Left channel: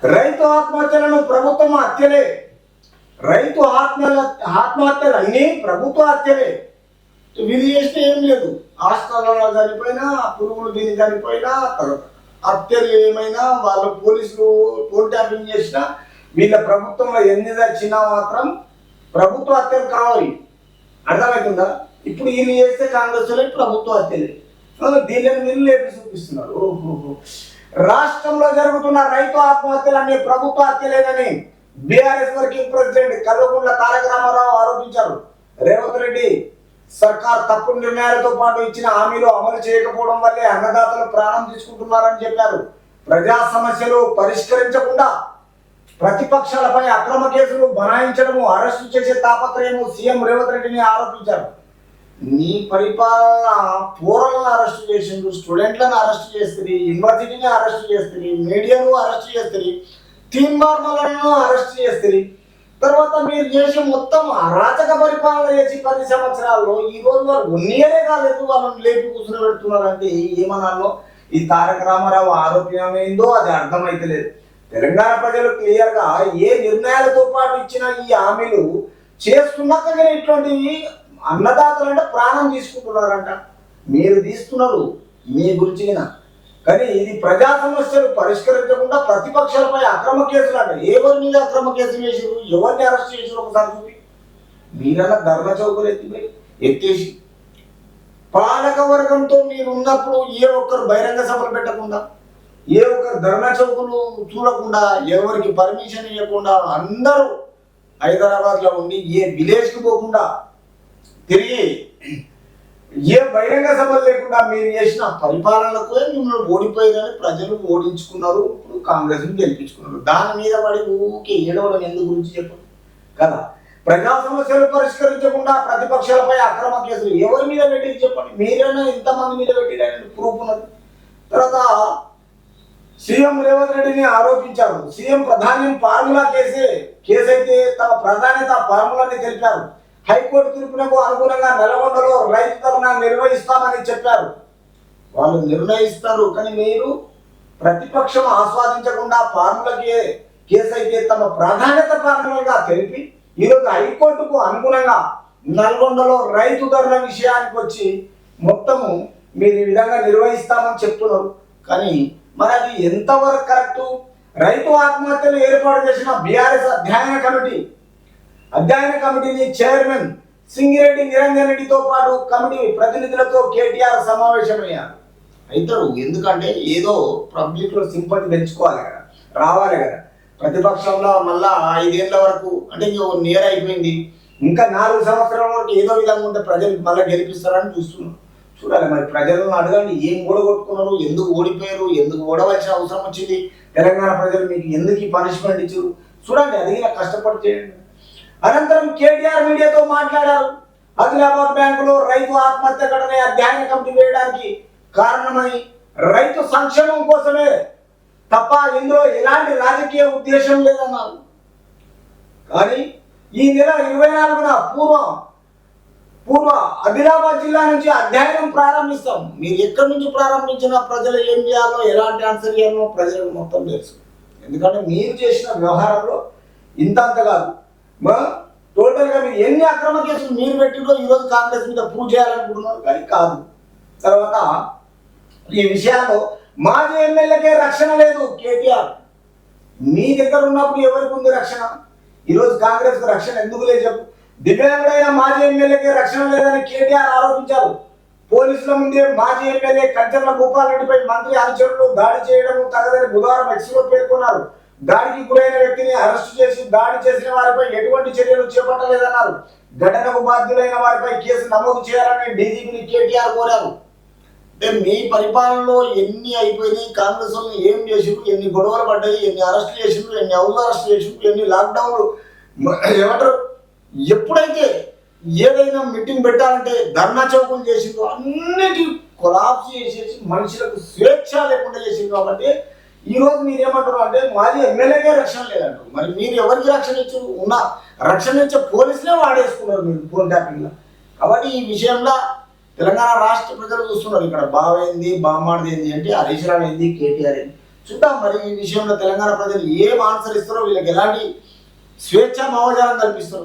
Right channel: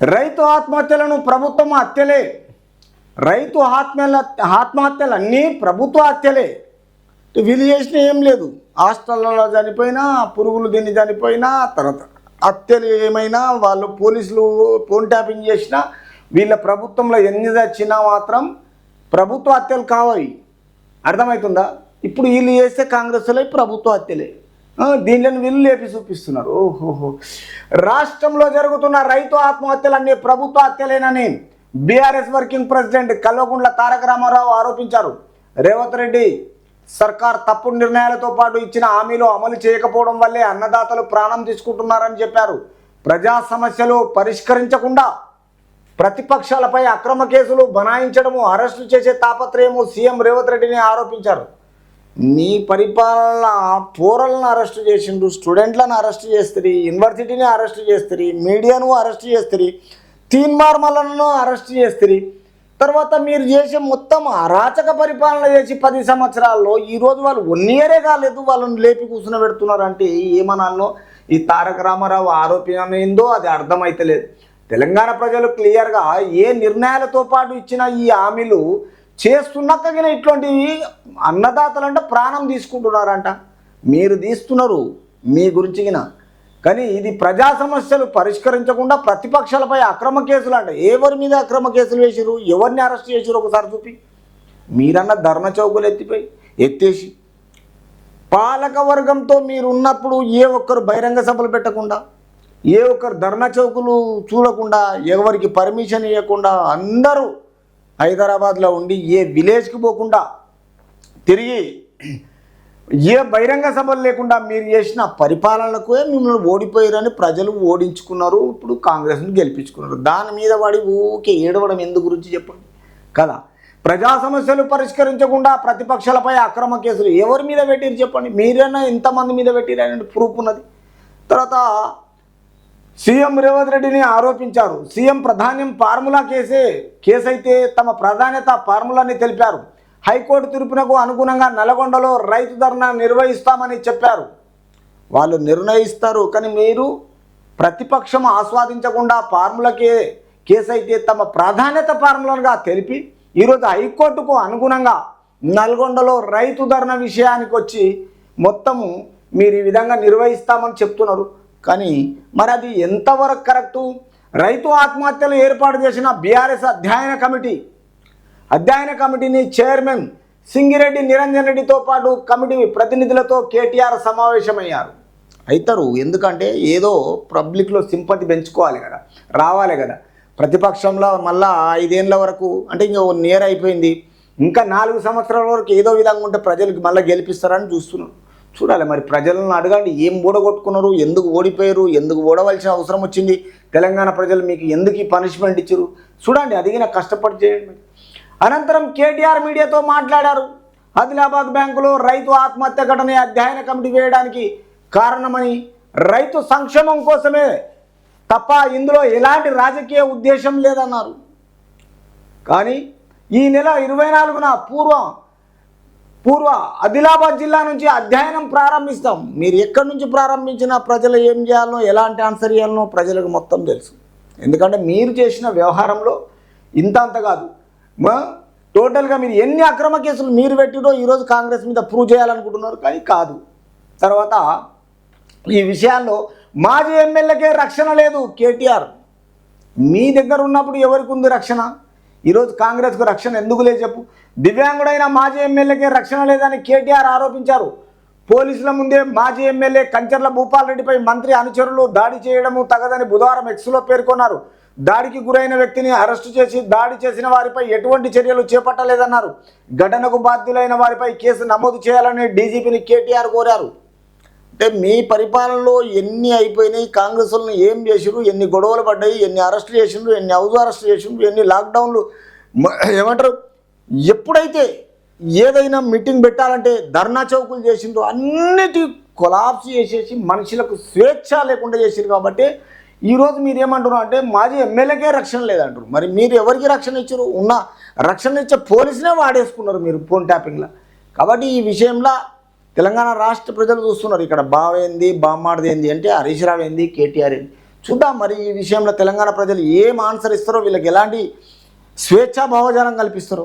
రైతు ఆత్మహత్యలను ప్రభుత్వం హత్యలే. రైతు ఆత్మహత్యలు అన్నీ ప్రభుత్వ హత్యలే. వీళ్ళు చేసిన ఏం లేదు. హాస్టల్లో చనిపోయినా, పురుగులు తిని చనిపోయినా, తర్వాత హత్యలు ఏమైనా, వాళ్ళు పోలీసులు ఫోన్ ట్యాపింగ్ చేసినా, వీళ్ళ ప్రభుత్వంలో ఎన్ని వచ్చినా మాత్రం ప్రభుత్వ హత్యలు కావాలి. అర్థమవుతుందా? ఇప్పుడు వీళ్ళు చేస్తే కాంగ్రెస్లో ప్రభుత్వ హత్యలే. దీనిని వీళ్ళు లేపి చూపిస్తున్నారు. ఓహోహో, రాష్ట్రంలో జరుగుతున్న రైతు ఆత్మహత్యలన్నీ ప్రభుత్వ హత్యలేనని BRS working president Kalvakuntla Taraka Ramarao ఆరోపించారు. రేవంత్ రెడ్డి సర్కార్ తప్పుడు నిర్ణయాలతో పాటు ఇచ్చిన హామీలు అమలు చేయకపోవడం వల్లే అన్నదాతలు ప్రాణం తీసుకుంటున్నారని చెప్పారు. ప్రజా సమస్యలు పరిష్కరించకుండా ప్రతిపక్షాలపై అక్రమ కేసులు బనాయించడము, అరెస్టు చేసే తాపత్రయము సీఎం రేవంత్ రెడ్డిని ఆరోపించారు. నీ పరిపాలన పూరలను అరెస్టు చేసిండు, స్టూడెంట్లను అరెస్టు చేస్తుంది, యూనివర్సిటీని అరెస్టు చేస్తుంది, మీడియాను అరెస్టు చేస్తుంది, తీన్మార్మలను అరెస్టు చేస్తుంది. తర్వాత మీరు చేసే మొత్తం అరాచక పరిపాలన చేసి 10 సంవత్సరాల్లో ఈరోజు వాళ్ళు 1 ఇయరే కాలేదు, వాళ్ళని లేపి కూర్చుని పెడుతున్నారంటే ఏమనాలో? ఈ తారక రామారావు ఆరోపణ ఏందో అది అర్థమైతలేదు. తెలంగాణ ప్రజలు క్లియర్గా ఏ నిర్ణయాలతో పాటు ఇచ్చిన ఈ హామీలు చేస్తున్నాక ఇట్లాంటివి అన్నదాతలంటే ప్రాణం తీసుకుంటున్నారంట. మీరు తీస్తున్నారు మీ గురించిగిన, కానీ ఇది ప్రజా సమస్యలు పరిష్కరించకుండా ప్రతిపక్షాలపై అక్రమ కేసులు అంటే ఎవరి మీద అక్రమ కేసులు వేసారు, ఎవరిని అరెస్ట్ చేసారు ఒకసారి చూపి. మీరన్నా ధర్మ చౌకులు ఎత్తేసి పాలక వర్గంతో మీరు ఉన్నప్పుడు ఏ ఒక్కరు బహిరంగ సభలు పెట్టకుండా, ఏ ఒక్కరు ధర్నా చౌకులు చూడకుండా, ఎవరికి పర్మిషన్ ఇవ్వకుండా అందరూ హైదరాబాద్లో ఉండి ఏ విలేజ్కి పోకుండా తిరిగి ఏ బహిరంగ సభలు లేకుండా మీరు చేసిన పరిపాలనకు మిమ్మల్ని ఓడిపోయారని ప్రజలు ఓడించుకున్నారు. ఇప్పుడు కాంగ్రెస్ని గెలిపించుకున్నారు. దాని మీద పడి ఊకే ఏడవడం ఎందు గురించి చెప్పండి కదా. ప్రజా సమస్యలు పరిష్కరించకుండా ప్రతిపక్షాలపై అక్రమ కేసులు ఎవరి మీద పెట్టింది చెప్పండి. మీరైనా ఇంతమంది మీద పెట్టిరని ప్రూఫ్ ఉన్నది. తర్వాత సీఎం రేవంత్ రెడ్డిని ఆరోపించారు. సీఎం ప్రధాని ఫార్ములా కేసు అయితే తమ ప్రాధాన్యత ఫార్ములాని తెలిపారు. హైకోర్టు తీర్పునకు అనుగుణంగా నల్గొండలో రైతు ధర్నా నిర్వహిస్తామని చెప్పారు. వాళ్ళు నిర్ణయిస్తారు, కానీ మీరు ప్రతిపక్షం ఆస్వాదించకుండా ఫార్ములా కేసు అయితే తమ ప్రాధాన్యత ఫార్ములాగా తెలిపి ఈరోజు హైకోర్టుకు అనుగుణంగా నల్గొండలో రైతు ధర్నా విషయానికి వచ్చి మొత్తము మీరు ఈ విధంగా నిర్వహిస్తామని చెప్తున్నారు. కానీ మరి అది ఎంతవరకు కరెక్టు? రైతు ఆత్మహత్యలు ఏర్పాటు చేసిన బీఆర్ఎస్ అధ్యయన కమిటీని చైర్మన్ సింగిరెడ్డి నిరంజన్ రెడ్డితో పాటు కమిటీ ప్రతినిధులతో కేటీఆర్ సమావేశమయ్యారు. అవుతారు, ఎందుకంటే ఏదో పబ్లిక్లో సింపతి పెంచుకోవాలి కదా, రావాలి కదా. ప్రతిపక్షంలో మళ్ళా 5 ఏళ్ళ వరకు అంటే ఇంకా 1 ఇయర్ అయిపోయింది, ఇంకా 4 సంవత్సరాల వరకు ఏదో విధంగా ఉంటే ప్రజలకు మళ్ళీ గెలిపిస్తారని చూస్తున్నాం. చూడాలి మరి, ప్రజలను అడగండి ఏం ఓడగొట్టుకున్నారు, ఎందుకు ఓడిపోయారు, ఎందుకు ఓడవలసిన అవసరం వచ్చింది, తెలంగాణ ప్రజలు మీకు ఎందుకు ఈ పనిష్మెంట్ ఇచ్చారు చూడండి. అదిగిన కష్టపడి చేయండి. అనంతరం కేటీఆర్ మీడియాతో మాట్లాడారు. ఆదిలాబాద్ బ్యాంకులో రైతు ఆత్మహత్య ఘటన అధ్యయన కమిటీ వేయడానికి కారణమని, రైతు సంక్షేమం కోసమే తప్ప ఇందులో ఎలాంటి రాజకీయ ఉద్దేశం లేదన్నారు. కానీ ఈ నెల 24న పూర్వ ఆదిలాబాద్ జిల్లా నుంచి అధ్యయనం ప్రారంభిస్తాం. మీరు ఎక్కడి నుంచి ప్రారంభించినా ప్రజలు ఏం చేయాలో, ఎలాంటి ఆన్సర్ చేయాలనో ప్రజలకు మొత్తం తెలుసు. ఎందుకంటే మీరు చేసిన వ్యవహారంలో ఇంత అంత కాదు, టోటల్గా మీరు ఎన్ని అక్రమ కేసులు మీరు పెట్టినో ఈరోజు కాంగ్రెస్ మీద ప్రూవ్ చేయాలనుకుంటున్నారు, కానీ కాదు. తర్వాత ఈ విషయాల్లో మాజీ ఎమ్మెల్యేకే రక్షణ లేదు. కేటీఆర్ మీ దగ్గర ఉన్నప్పుడు ఎవరికి ఉంది రక్షణ? ఈరోజు కాంగ్రెస్కు రక్షణ ఎందుకు లేదు చెప్పు? దివ్యాంగుడైన మాజీ ఎమ్మెల్యేకే రక్షణ లేదని కేటీఆర్ ఆరోపించారు. పోలీసుల ముందే మాజీ ఎమ్మెల్యే కంచర్ల భూపాల్ రెడ్డిపై మంత్రి అనుచరులు దాడి చేయడము తగదని బుధవారం ఎక్స్లో పేర్కొన్నారు. దాడికి గురైన వ్యక్తిని అరెస్టు చేసి దాడి చేసిన వారిపై ఎటువంటి చర్యలు చేపట్టలేదన్నారు. ఘటనకు బాధ్యులైన వారిపై కేసు నమోదు చేయాలని డీజీపీని కేటీఆర్ కోరారు. అంటే మీ పరిపాలనలో ఎన్ని అయిపోయినాయి, కాంగ్రెస్ వాళ్ళని ఏం చేసిరు, ఎన్ని గొడవలు పడ్డాయి, ఎన్ని అరెస్టులు చేసిండ్రు, ఎన్ని హౌస్ అరెస్ట్ చేసిండ్రు, ఎన్ని లాక్డౌన్లు ఏమంటారు, ఎప్పుడైతే ఏదైనా మీటింగ్ పెట్టాలంటే ధర్నా చౌకులు చేసిండ్రు, అన్నిటి కొలాప్స్ చేసేసి మనుషులకు స్వేచ్ఛ లేకుండా చేసిండ్రు. కాబట్టి ఈరోజు మీరు ఏమంటున్నారు అంటే మాజీ ఎమ్మెల్యేకే రక్షణ లేదంటారు. మరి మీరు ఎవరికి రక్షణ ఇచ్చారు? ఉన్న రక్షణ ఇచ్చే పోలీసులే వాడేసుకున్నారు మీరు ఫోన్ ట్యాపింగ్లో. కాబట్టి ఈ విషయంలో తెలంగాణ రాష్ట్ర ప్రజలు చూస్తున్నారు. ఇక్కడ బావ ఏంది, బామ్మాడిది ఏంది అంటే హరీష్ రావు ఏంది, కేటీఆర్ ఏంది చూద్దాం మరి ఈ విషయంలో తెలంగాణ ప్రజలు ఏం ఆన్సర్ ఇస్తారో, వీళ్ళకి ఎలాంటి స్వేచ్ఛా భావజాలం కల్పిస్తారో.